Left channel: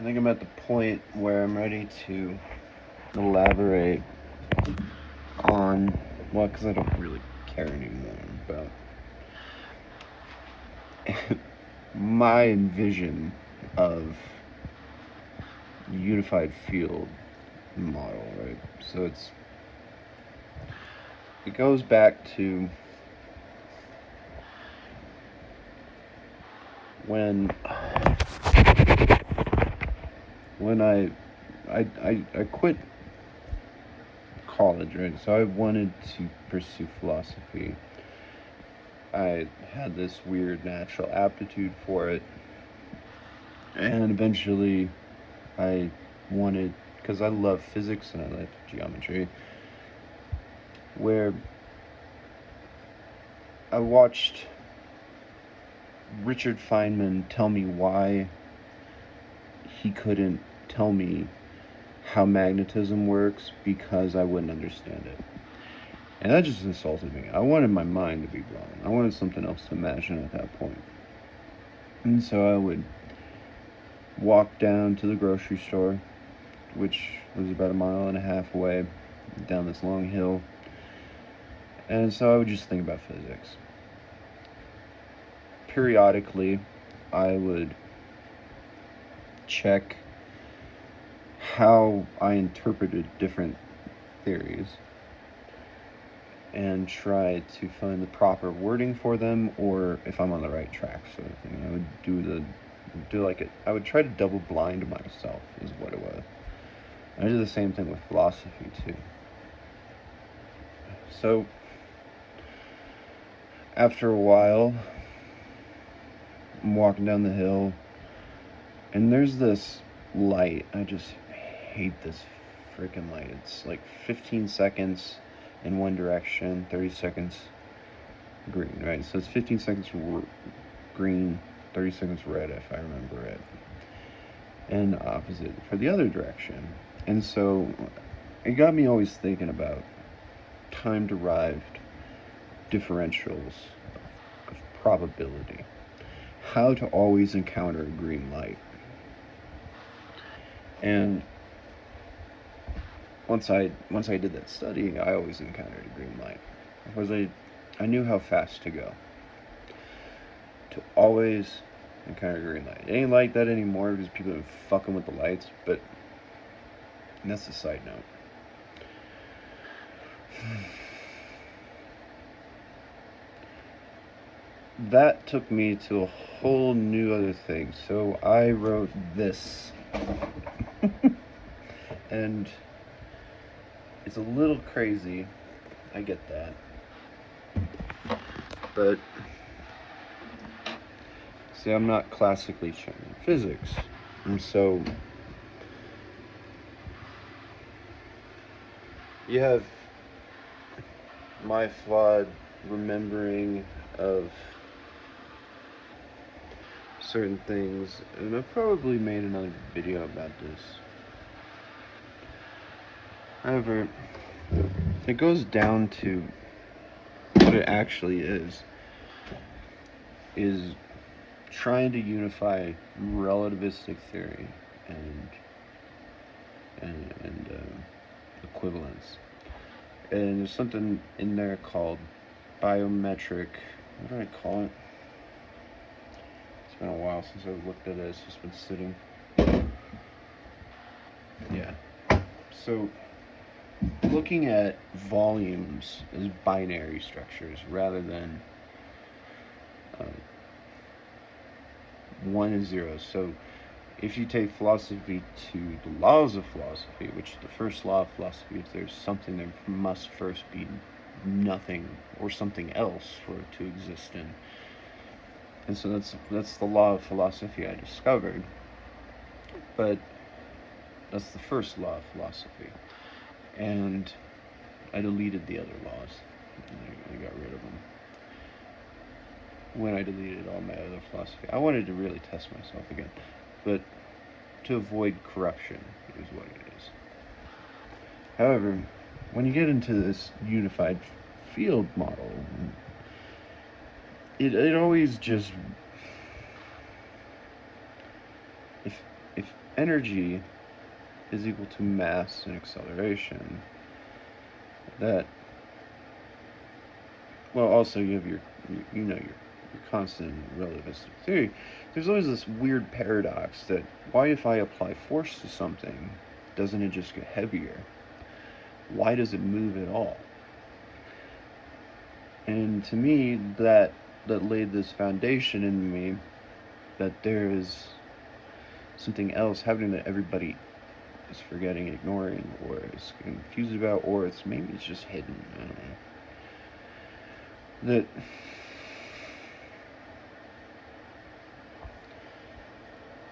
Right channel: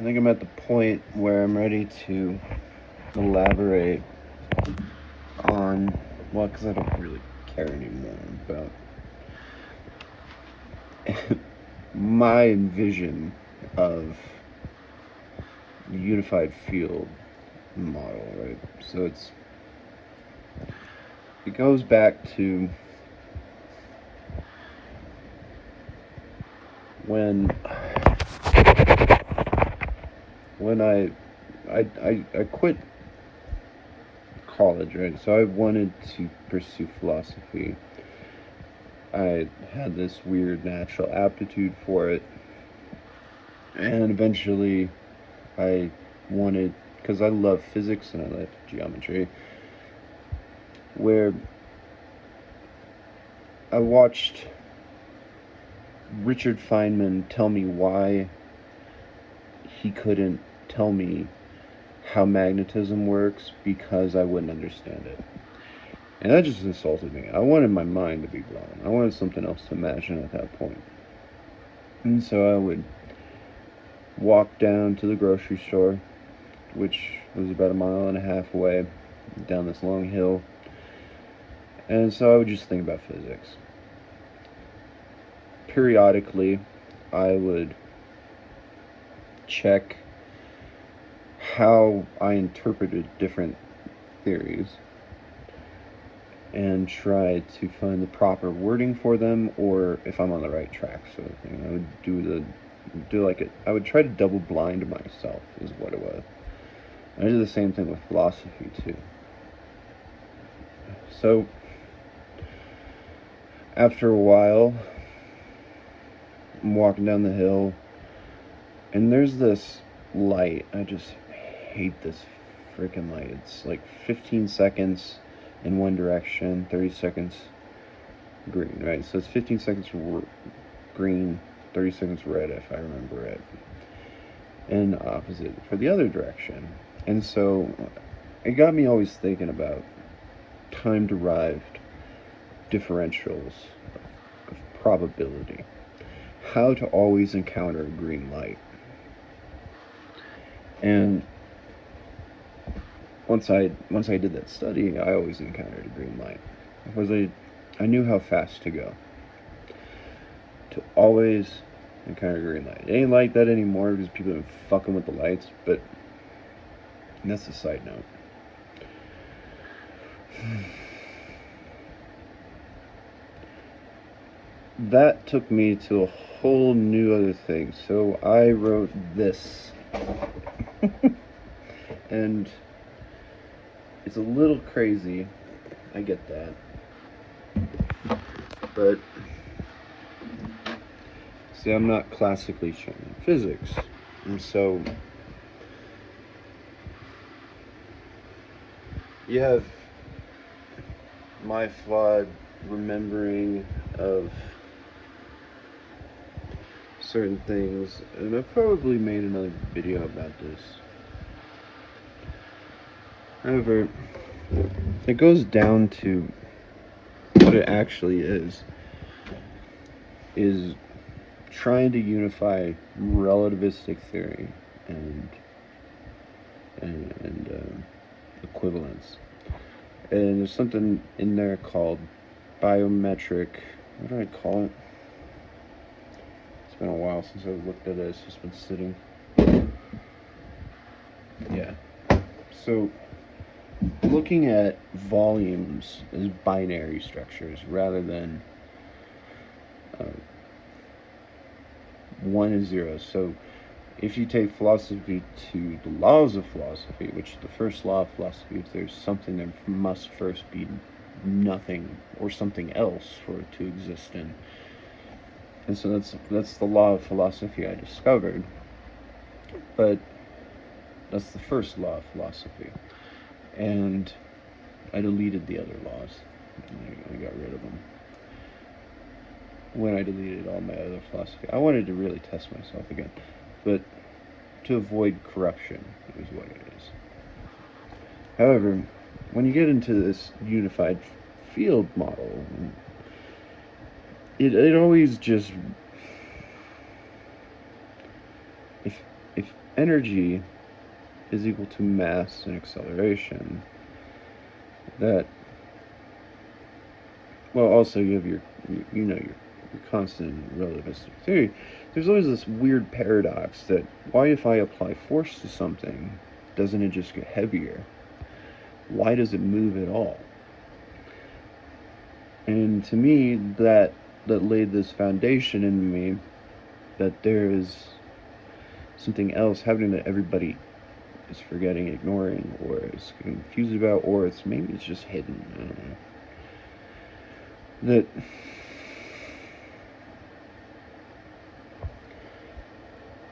I think I'm at the point where I'm ready to elaborate on, well, because I don't really care anymore about my vision of the unified field model, right? So it goes back to when I quit college, right? So I wanted to pursue philosophy. I had this weird natural aptitude for it, and eventually I wanted, because I love physics and I love geometry, where I watched Richard Feynman tell me why he couldn't tell me how magnetism works because I wouldn't understand it. And that just insulted me. I wanted my mind to be blown. I wanted something else to imagine at that point. And so I would walk down to the grocery store, which was about a mile and a half away, down this long hill. And so I would just think about physics. Periodically, I would check how I interpreted different theories and try to find the proper wording for them, or if I'm on the right track, sort of thing. I would I would try to double blind myself, is what it was. I did the same thing with philosophy too. So after a while, I'm walking down the hill, and there's this light. I just hate this freaking light. It's like 15 seconds in one direction, 30 seconds green, right? So it's 15 seconds green, 30 seconds red, if I remember it, and opposite for the other direction. And so it got me always thinking about time-derived differentials of probability, how to always encounter a green light. And once I did that study, I always encountered a green light because I knew how fast to go to always encounter a green light. It ain't like that anymore because people have been fucking with the lights, but that's a side note. That took me to a whole new other thing. So I wrote this. And it's a little crazy. I get that. But see, I'm not classically trained in physics. And so you have my flawed remembering of certain things, and I've probably made another video about this. However, it goes down to what it actually is trying to unify relativistic theory and equivalence. And there's something in there called biometric. What do I call it? It's been a while since I've looked at it. It's just been sitting. Yeah. So, looking at volumes as binary structures rather than 1 and 0. So, if you take philosophy to the laws of philosophy, which is the first law of philosophy, if there's something, there must first be nothing or something else for it to exist in. And so that's the law of philosophy I discovered. But that's the first law of philosophy. And I deleted the other laws. I got rid of them when I deleted all my other philosophy. I wanted to really test myself again. But to avoid corruption is what it is. However, when you get into this unified field model, it always just, if energy is equal to mass and acceleration, that, well, also you have your constant relativistic theory. There's always this weird paradox that why, if I apply force to something, doesn't it just get heavier? Why does it move at all? And to me, that laid this foundation in me that there is something else happening that everybody is forgetting, ignoring, or is confused about, or maybe it's just hidden. I don't know. That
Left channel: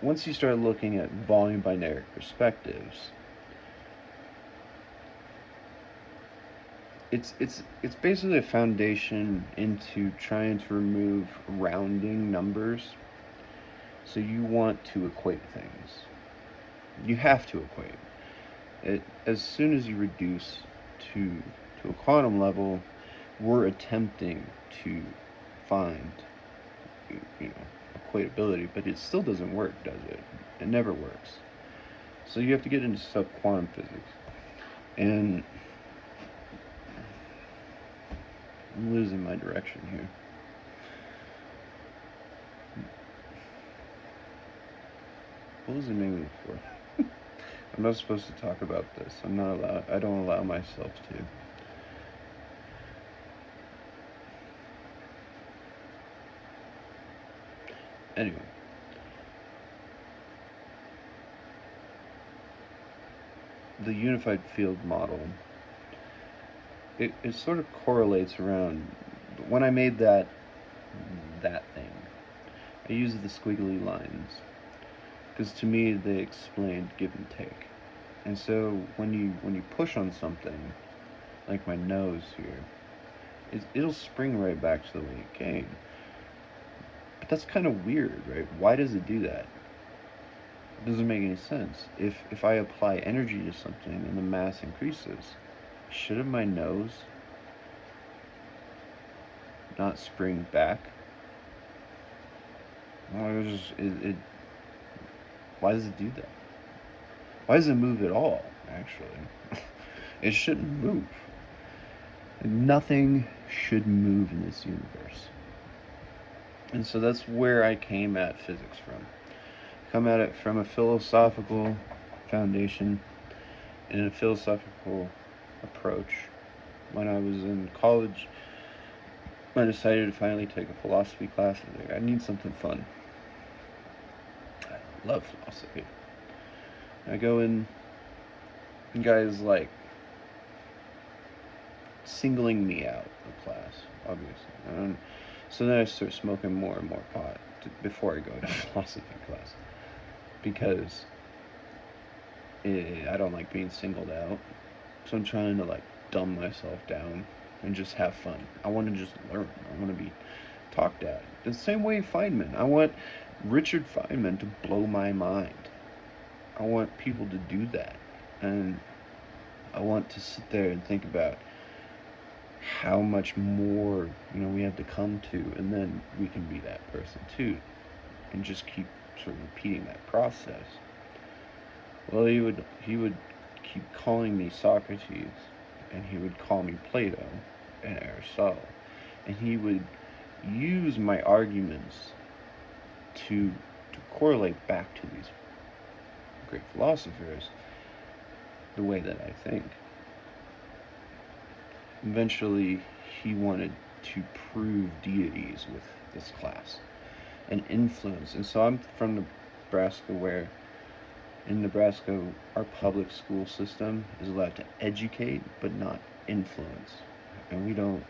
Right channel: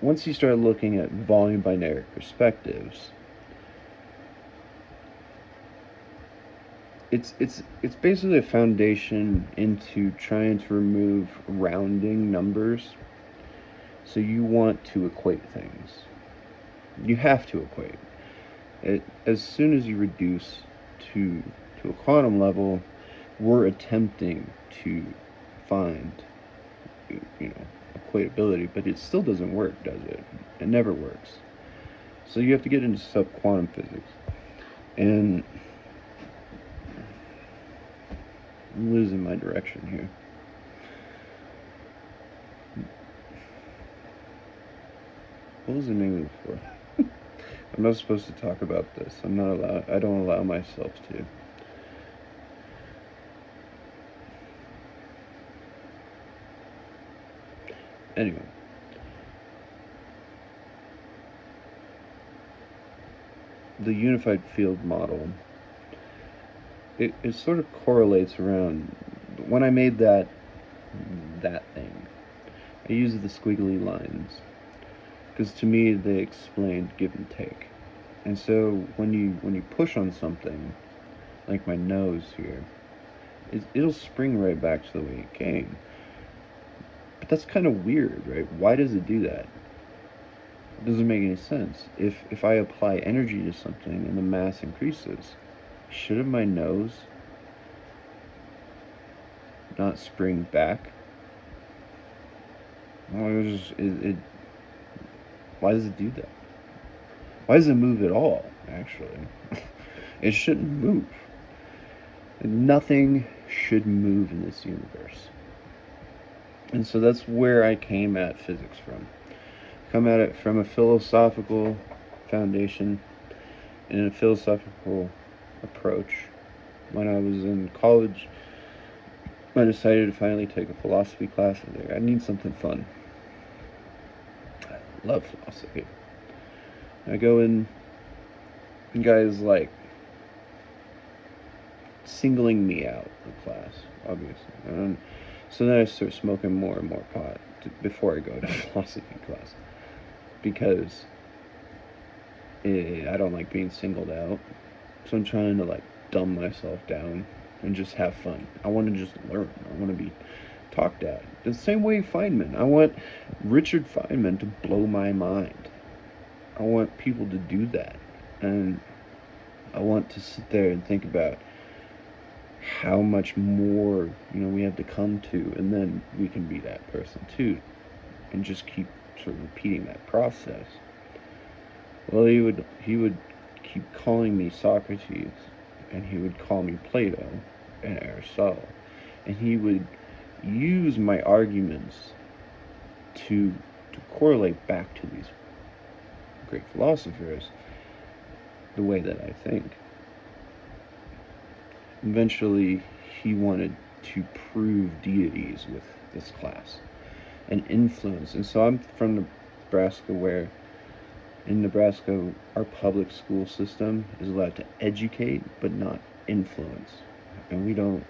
once you start looking at volume binary perspectives, it's basically a foundation into trying to remove rounding numbers. So you want to equate things. You have to equate. As soon as you reduce to a quantum level, we're attempting to find, equatability, but it still doesn't work, does it? It never works. So you have to get into subquantum physics. And I'm losing my direction here. What was the name of it for? I'm not supposed to talk about this. I don't allow myself to. Anyway. The unified field model, it sort of correlates around, when I made that thing, I used the squiggly lines, because to me they explained give and take. And so when you push on something, like my nose here, it'll spring right back to the way it came. But that's kind of weird, right? Why does it do that? It doesn't make any sense. If I apply energy to something and the mass increases, shouldn't my nose not spring back? Why does it do that? Why does it move at all, actually? It shouldn't move. Nothing should move in this universe. And so that's where I came at physics from. Come at it from a philosophical foundation and a philosophical approach. When I was in college, I decided to finally take a philosophy class. I was like, I need something fun. I love philosophy. I go in, and guys like singling me out of class, obviously. And so then I start smoking more and more pot before I go to philosophy class, because I don't like being singled out. So I'm trying to like dumb myself down and just have fun. I want to just learn. I want to be talked at. The same way Feynman. I want Richard Feynman to blow my mind. I want people to do that. And I want to sit there and think about how much more, we have to come to, and then we can be that person too. And just keep sort of repeating that process. Well, he would keep calling me Socrates, and he would call me Plato and Aristotle, and he would use my arguments to correlate back to these great philosophers the way that I think. Eventually, he wanted to prove deities with this class and influence. And so I'm from Nebraska, where in Nebraska, our public school system is allowed to educate but not influence. And we don't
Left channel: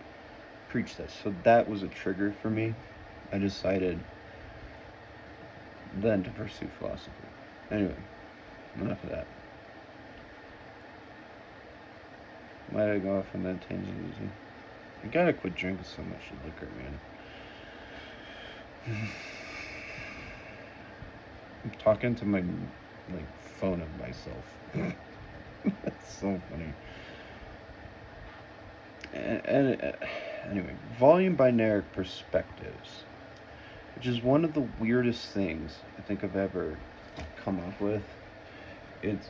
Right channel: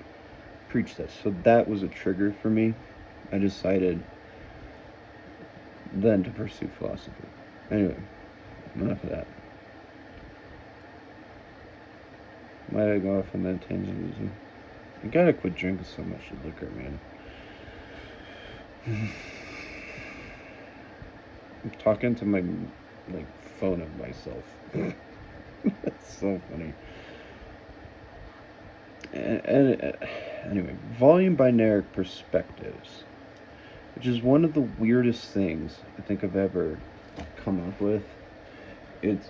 preach that. So that was a trigger for me. I decided then to pursue philosophy. Anyway, enough of that. Why did I go off on that tangent, Easy? You gotta quit drinking so much liquor, man. I'm talking to my phone of myself. That's so funny. And anyway, volume binary perspectives, which is one of the weirdest things I think I've ever come up with. It's,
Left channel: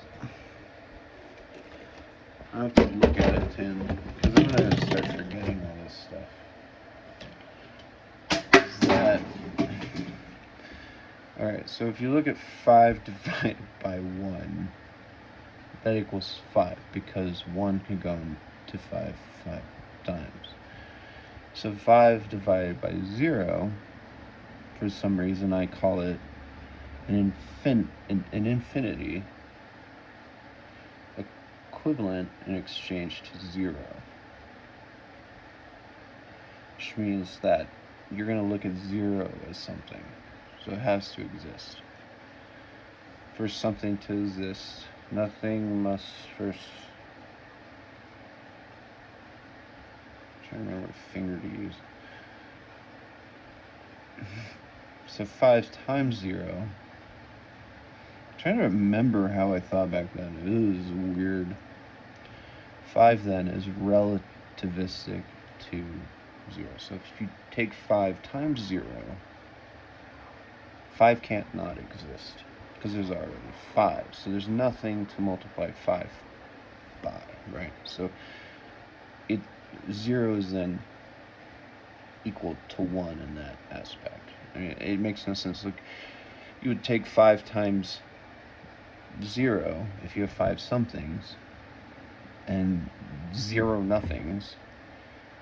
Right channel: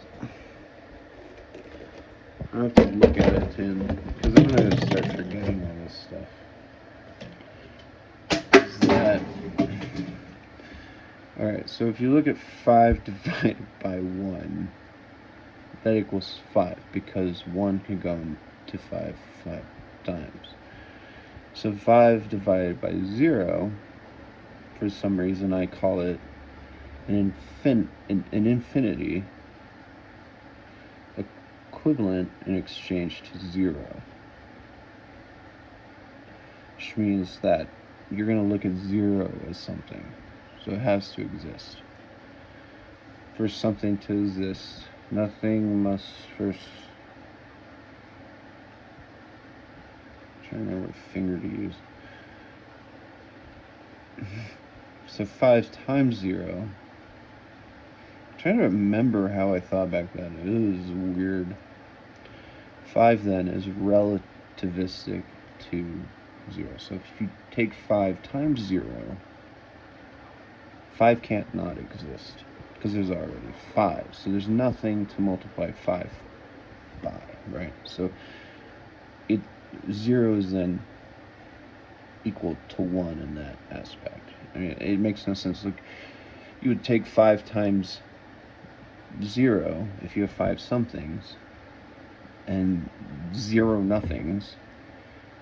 I have to look at it, Tim, because I'm going to start forgetting all this stuff. Is that, alright, so if you look at 5 divided by 1, that equals 5, because 1 can go to 5 times. So 5 divided by 0, for some reason I call it an infinity equivalent in exchange to 0. Which means that you're going to look at 0 as something. So it has to exist. For something to exist, nothing must first... I'm trying to remember what finger to use. So 5 times 0. I'm trying to remember how I thought back then. It was weird. 5 then is relativistic to 0. So if you take 5 times 0, 5 can't not exist, because there's already 5. So there's nothing to multiply 5 by, right? So 0 is then equal to 1 in that aspect. I mean, it makes no sense. Look, you would take 5 times 0 if you have 5 somethings and 0 nothings.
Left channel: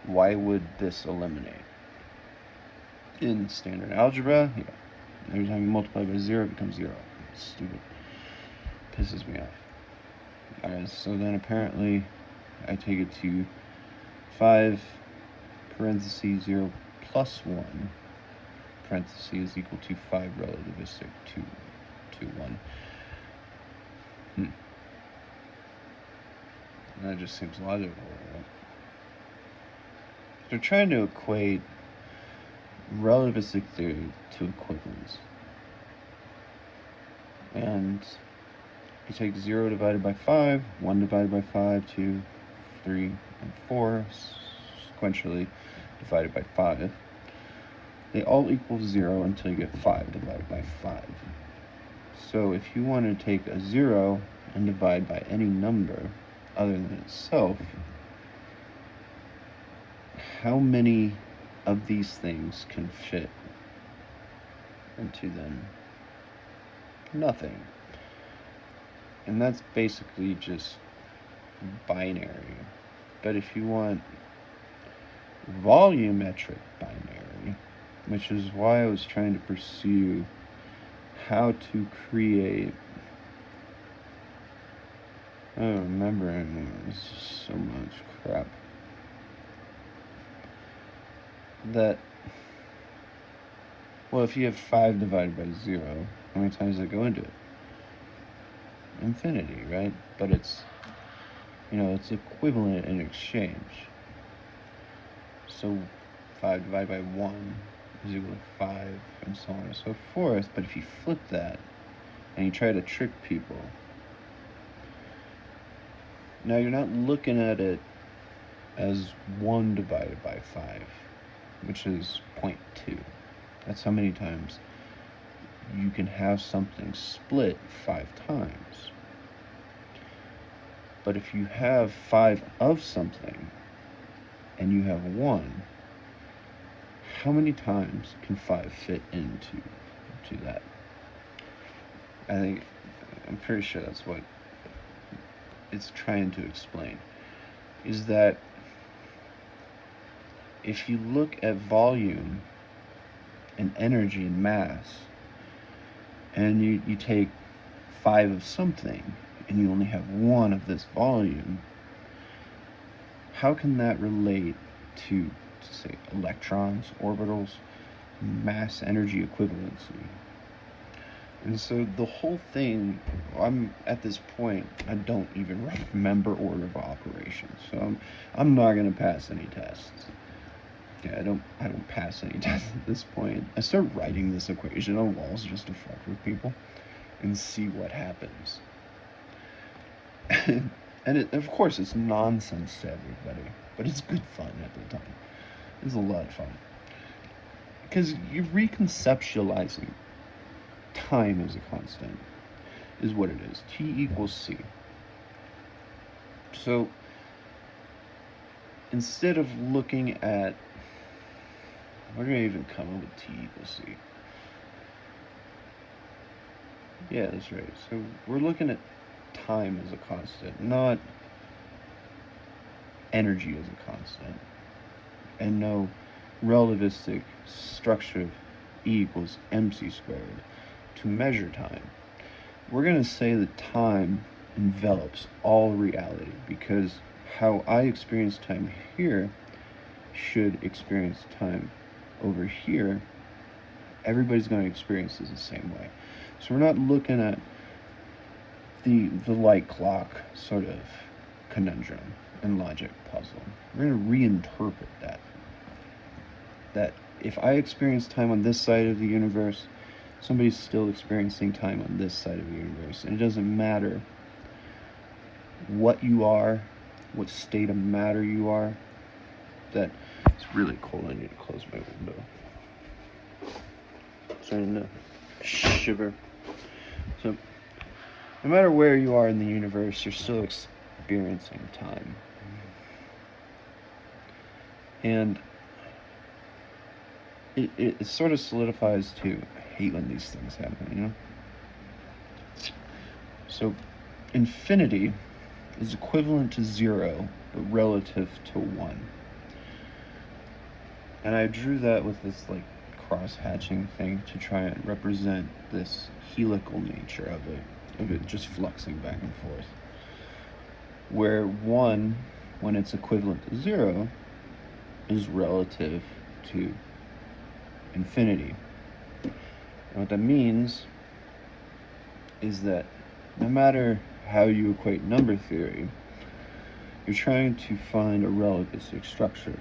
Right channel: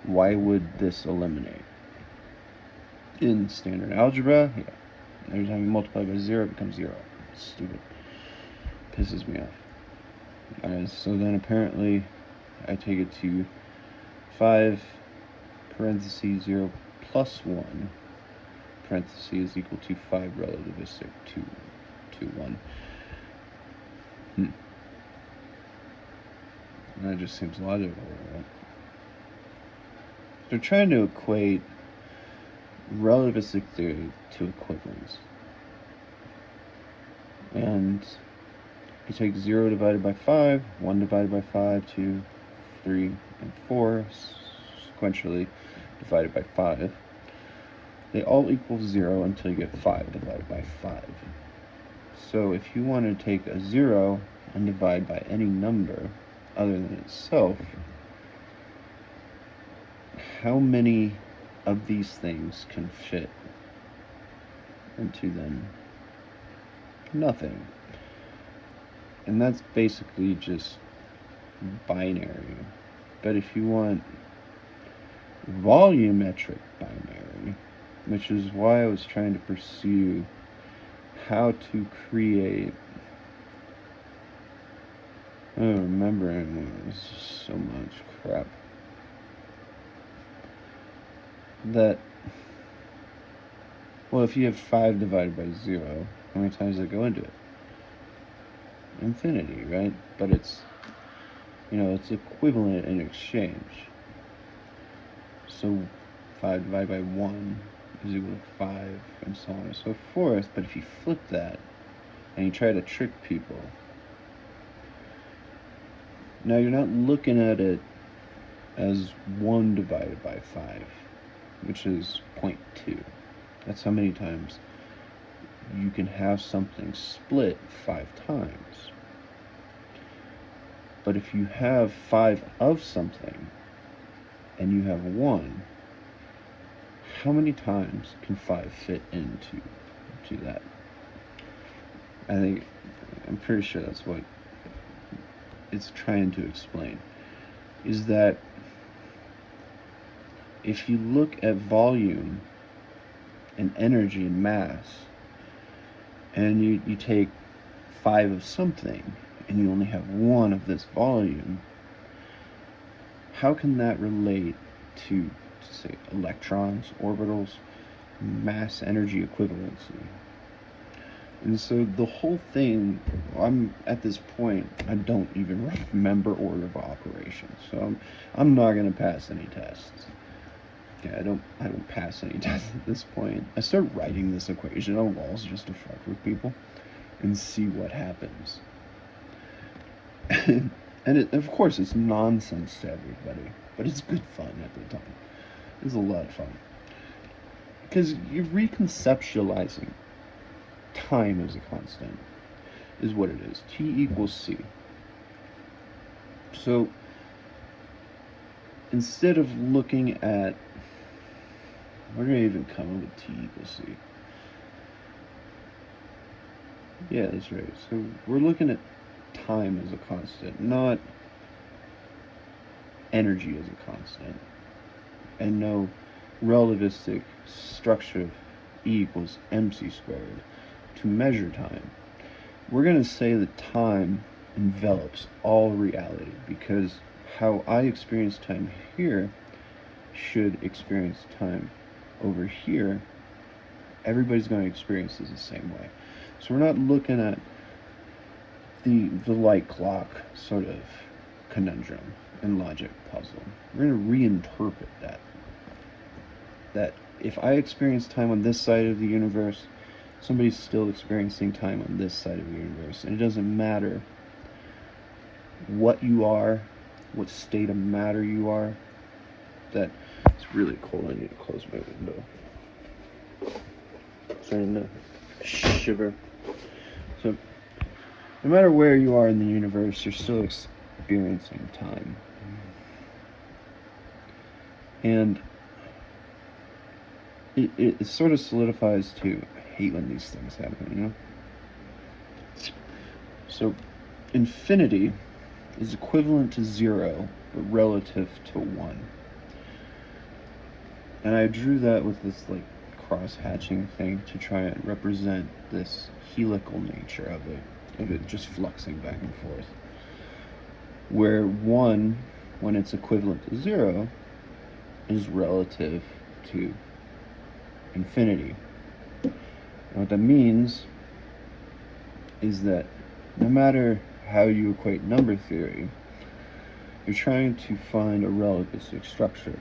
Why would this eliminate? In standard algebra, yeah. Every time you multiply by 0, it becomes 0. It's stupid. Pisses me off. Alright, so then apparently I take it to 5 parentheses 0 plus 1 parentheses is equal to 5 relativistic to 1. That just seems logical, right? They're trying to equate relativistic theory to equivalence. And you take 0 divided by 5, 1 divided by 5, 2, 3, and 4, sequentially divided by 5. They all equal 0 until you get 5 divided by 5. So if you want to take a 0 and divide by any number other than itself, how many of these things can fit into them? Nothing. And that's basically just binary. But if you want volumetric binary, which is why I was trying to pursue how to create... I don't remember anymore. It's just so much crap. That, well, if you have 5 divided by 0, how many times does it go into it? Infinity, right? But it's, it's equivalent in exchange. So 5 divided by 1 is equal to 5, and so on and so forth. But if you flip that, and you try to trick people, now you're not looking at it as 1 divided by 5, which is 0.2. That's how many times you can have something split 5 times. But if you have 5 of something and you have 1, how many times can 5 fit into that? I'm pretty sure that's what it's trying to explain, is that if you look at volume and energy and mass, and you take 5 of something and you only have 1 of this volume, how can that relate to, say, electrons, orbitals, mass energy equivalency? And so the whole thing, I'm at this point, I don't even remember order of operations. So I'm not going to pass any tests. Yeah, I don't pass any tests at this point. I start writing this equation on walls just to fuck with people and see what happens. And of course, it's nonsense to everybody, but it's good fun at the time. It's a lot of fun. Because you're reconceptualizing time as a constant. is what it is. T equals C. So instead of looking at, where do I even come up with T equals C? Yeah, that's right. So we're looking at time as a constant, not energy as a constant, and no relativistic structure of E equals mc squared to measure time. We're going to say that time envelops all reality, because how I experience time here should experience time over here. Everybody's going to experience this the same way. So we're not looking at the light clock sort of conundrum and logic puzzle. We're going to reinterpret that. That if I experience time on this side of the universe, somebody's still experiencing time on this side of the universe. And it doesn't matter what you are, what state of matter you are. That it's really cold. I need to close my window. Starting to shiver. So, no matter where you are in the universe, you're still experiencing time. And it sort of solidifies to, I hate when these things happen, you know? So, infinity is equivalent to 0, but relative to 1. And I drew that with this, like, cross-hatching thing to try and represent this helical nature of it just fluxing back and forth. Where 1, when it's equivalent to 0, is relative to infinity. And what that means is that no matter how you equate number theory, you're trying to find a relativistic structure.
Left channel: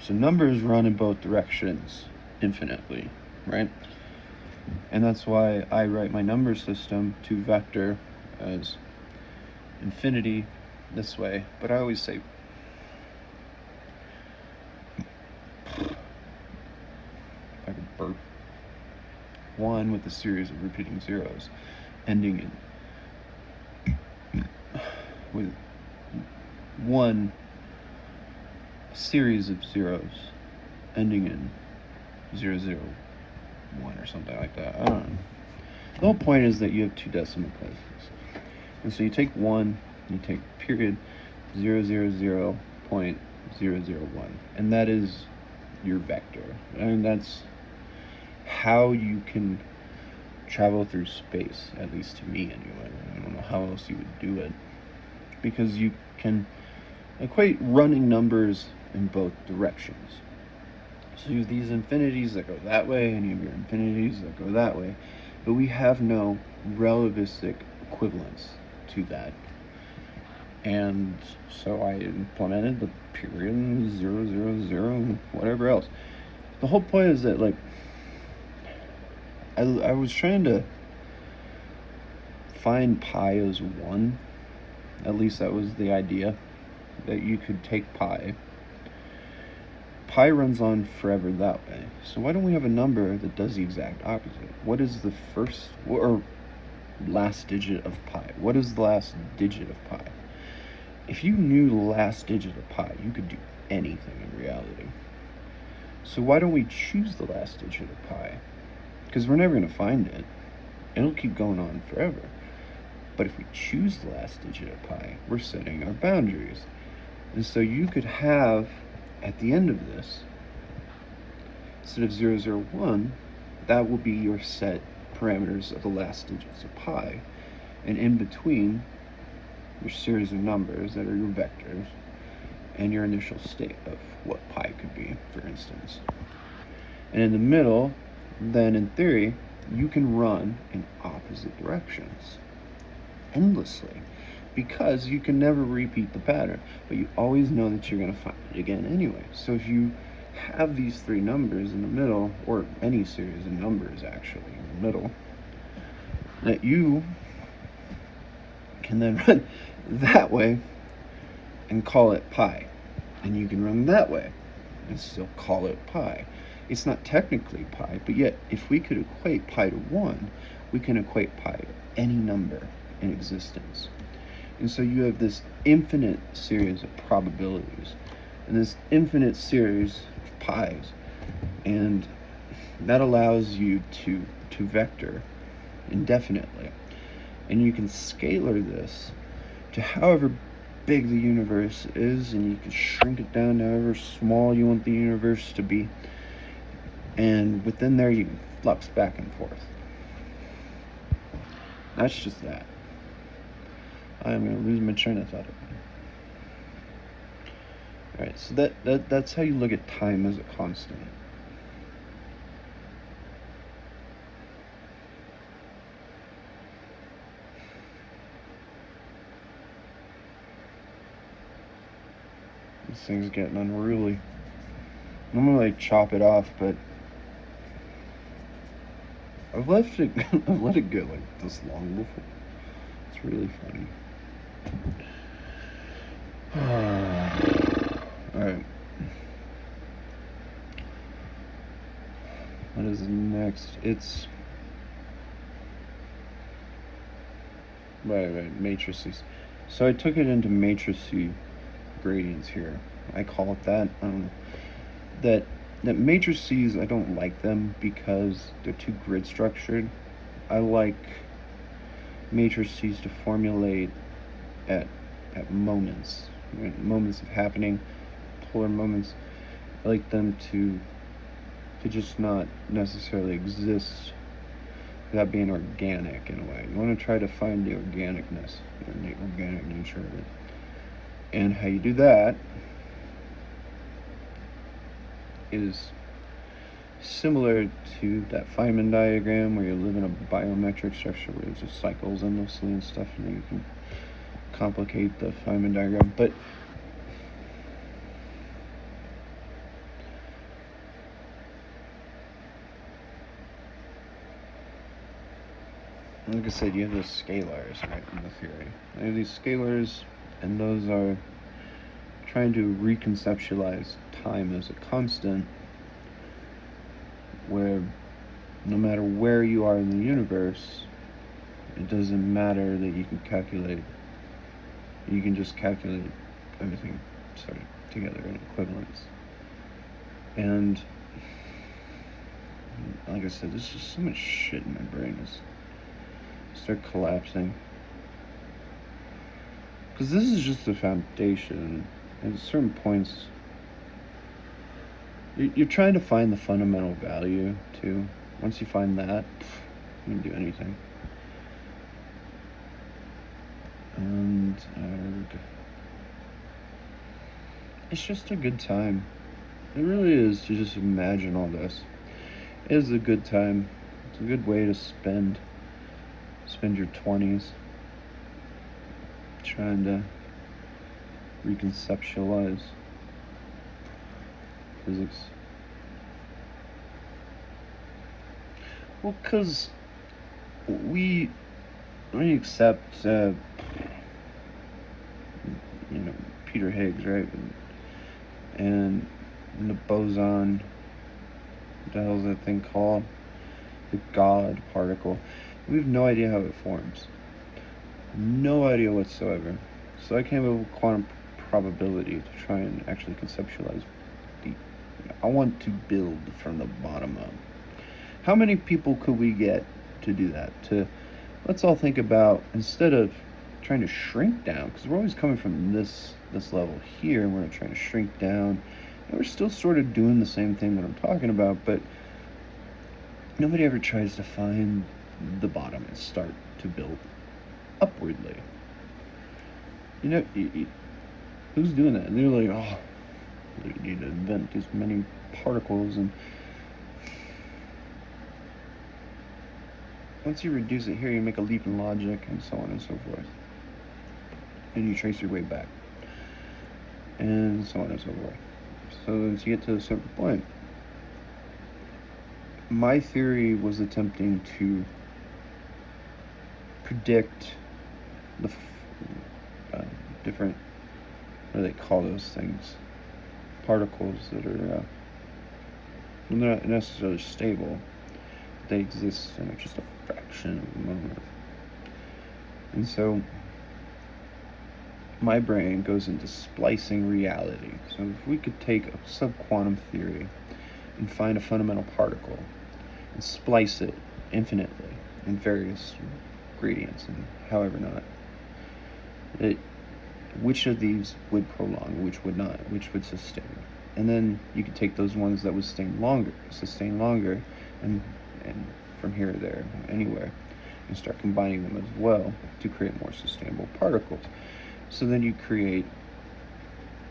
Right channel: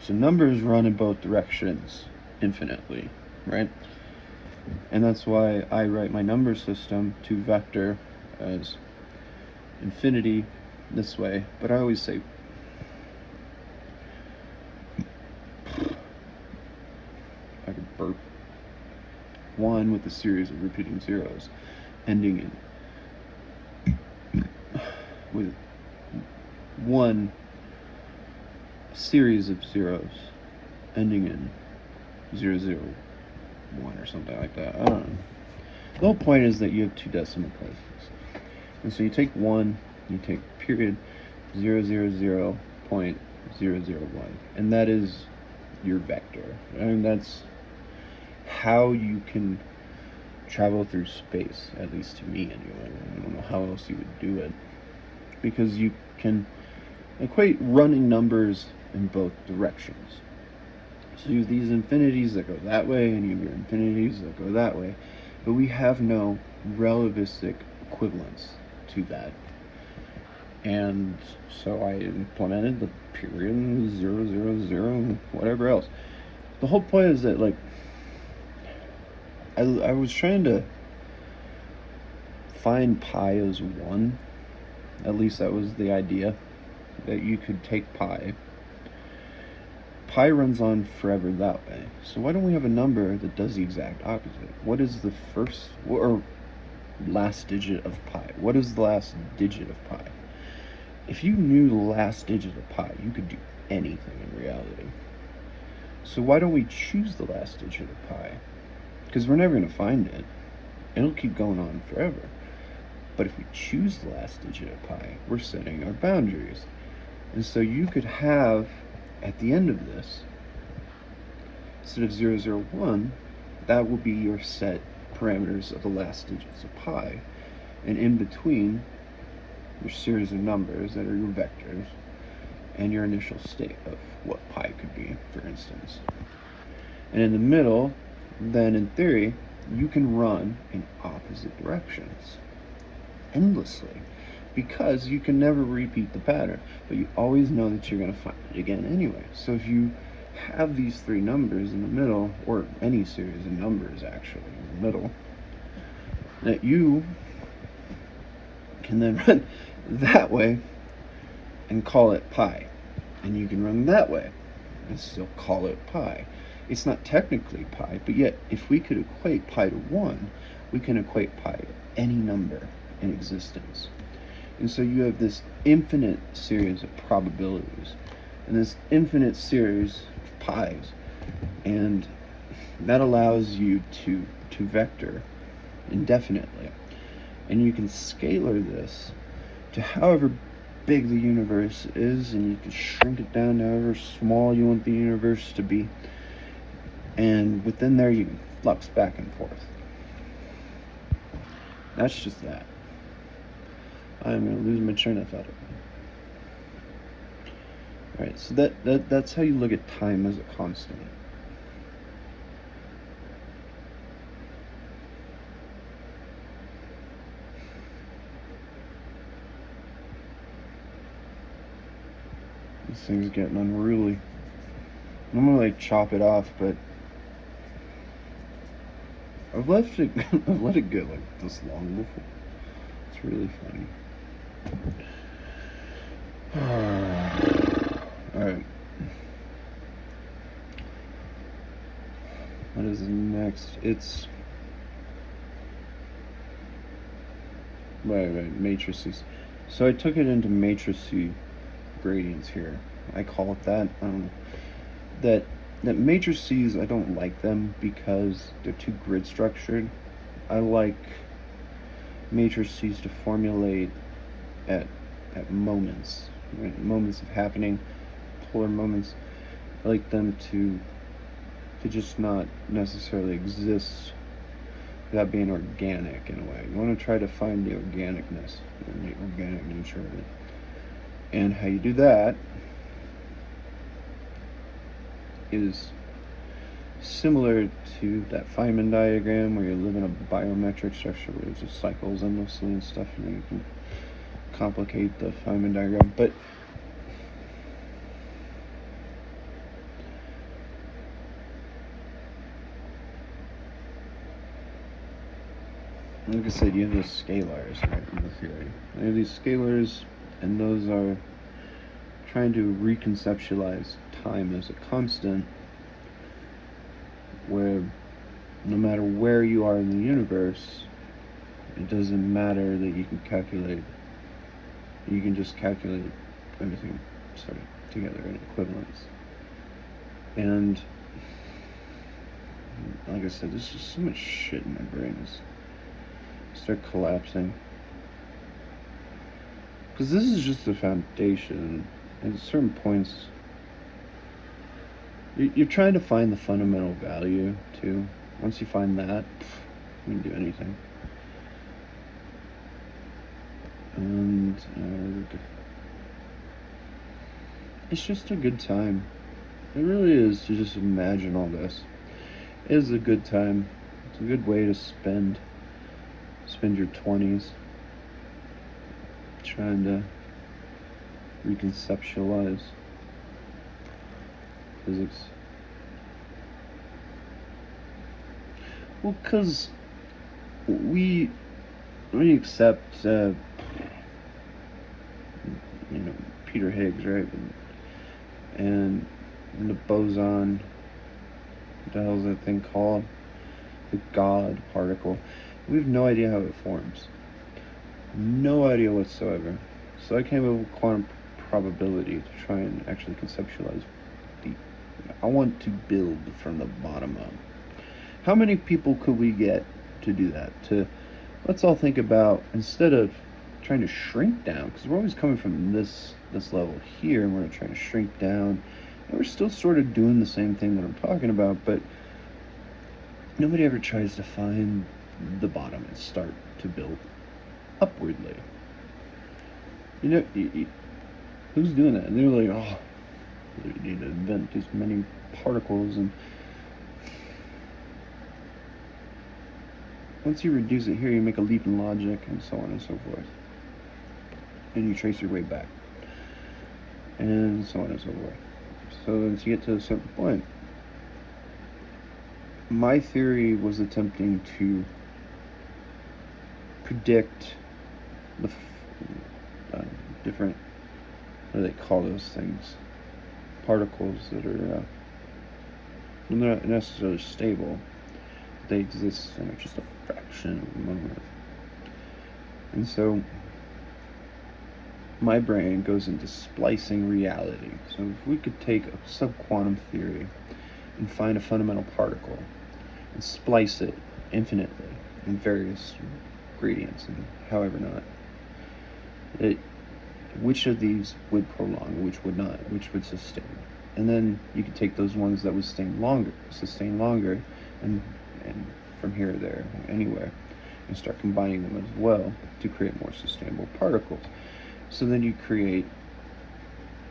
So numbers run in both directions infinitely, right? And that's why I write my number system to vector as infinity this way, but I always say I could burp 1 with a series of repeating zeros, ending in with 1 series of zeros, ending in 001 or something like that. I don't know. The whole point is that you have 2 decimal places, and so you take 1, you take period 000.001, and that is your vector. And that's how you can travel through space, at least to me anyway. I don't know how else you would do it, because you can equate running numbers in both directions. So you have these infinities that go that way, and you have your infinities that go that way, but we have no relativistic equivalence to that. And so I implemented the period 000, whatever else. The whole point is that, like, I was trying to find pi as 1. At least that was the idea, that you could take pi. Pi runs on forever that way. So why don't we have a number that does the exact opposite? What is the first or last digit of pi? What is the last digit of pi? If you knew the last digit of pi, you could do anything in reality. So why don't we choose the last digit of pi? Because we're never going to find it. It'll keep going on forever. But if we choose the last digit of pi, we're setting our boundaries. And so you could have, at the end of this, instead of 001, that will be your set parameters of the last digits of pi. And in between, your series of numbers that are your vectors, and your initial state of what pi could be, for instance. And in the middle, then in theory, you can run in opposite directions endlessly, because you can never repeat the pattern, but you always know that you're going to find it again anyway. So if you have these 3 numbers in the middle, or any series of numbers actually in the middle, that you can then run that way and call it pi, and you can run that way and still call it pi. It's not technically pi, but yet if we could equate pi to 1, we can equate pi any number in existence. And so you have this infinite series of probabilities and this infinite series of pies. And that allows you to vector indefinitely. And you can scalar this to however big the universe is, and you can shrink it down to however small you want the universe to be. And within there, you can flux back and forth. That's just that. I'm going to lose my train of thought. Alright, so that's how you look at time as a constant. This thing's getting unruly. I'm gonna like chop it off, but I've let it go like this long before. It's really funny. Alright. What is next? It's right, matrices. So I took it into matrices gradients here. I call it that. That matrices, I don't like them because they're too grid structured. I like matrices to formulate at moments, right? Moments of happening, polar moments. I like them to just not necessarily exist without being organic in a way. You want to try to find the organicness and the organic nature of it. And how you do that is similar to that Feynman diagram where you live in a biometric structure where there's cycles endlessly and stuff, and then you can complicate the Feynman diagram. But like I said, you have those scalars, right, in the theory. You have these scalars, and those are trying to reconceptualize time as a constant, where no matter where you are in the universe, it doesn't matter that you can calculate. You can just calculate everything sort of together in equivalence. And like I said, there's just so much shit in my brain. Start collapsing. Because this is just the foundation. And at certain points, you're trying to find the fundamental value, too. Once you find that, you can do anything. And it's just a good time. It really is to just imagine all this. It is a good time. It's a good way to spend your 20s trying to reconceptualize physics. Well, because we accept, Peter Higgs, right? And the boson, what the hell is that thing called? The God particle. We have no idea how it forms. No idea whatsoever. So I came up with quantum probability to try and actually conceptualize I want to build from the bottom up. How many people could we get to do that? Let's all think about, instead of trying to shrink down, because we're always coming from this level here, and we're trying to shrink down, and we're still sort of doing the same thing that I'm talking about, but nobody ever tries to find the bottom and start to build upwardly. Who's doing that? And they're like, oh, you need to invent these many particles, and once you reduce it here, you make a leap in logic, and so on and so forth. And you trace your way back, and so on and so forth. So once you get to a certain point, my theory was attempting to predict the different, what do they call those things? Particles that are not necessarily stable. They exist in just a fraction of a moment. And so my brain goes into splicing reality. So if we could take a subquantum theory and find a fundamental particle and splice it infinitely in various gradients and however not, which of these would prolong, which would not, which would sustain. And then you could take those ones that would sustain longer, and from here to there, anywhere, and start combining them as well to create more sustainable particles. So then you create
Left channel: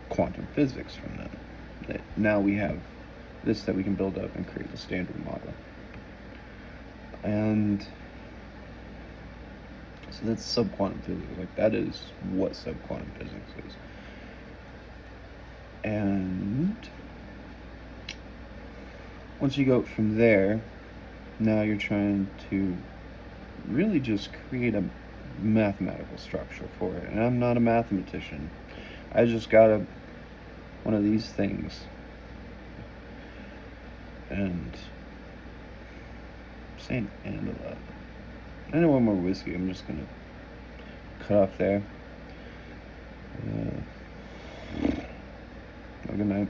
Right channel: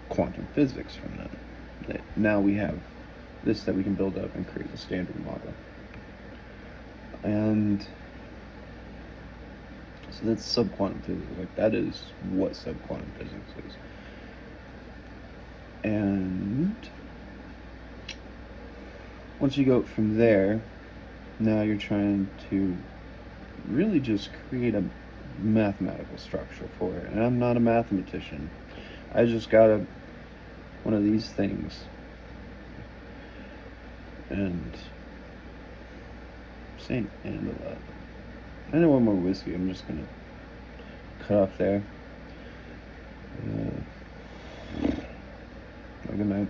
quantum physics from that. Now we have this that we can build up and create a standard model. And so that's subquantum physics. Like, that is what subquantum physics is. And once you go from there, now you're trying to really just create a mathematical structure for it. And I'm not a mathematician. I just got one of these things. And saying and a lot. I don't want more whiskey. I'm just gonna cut off there. Good night.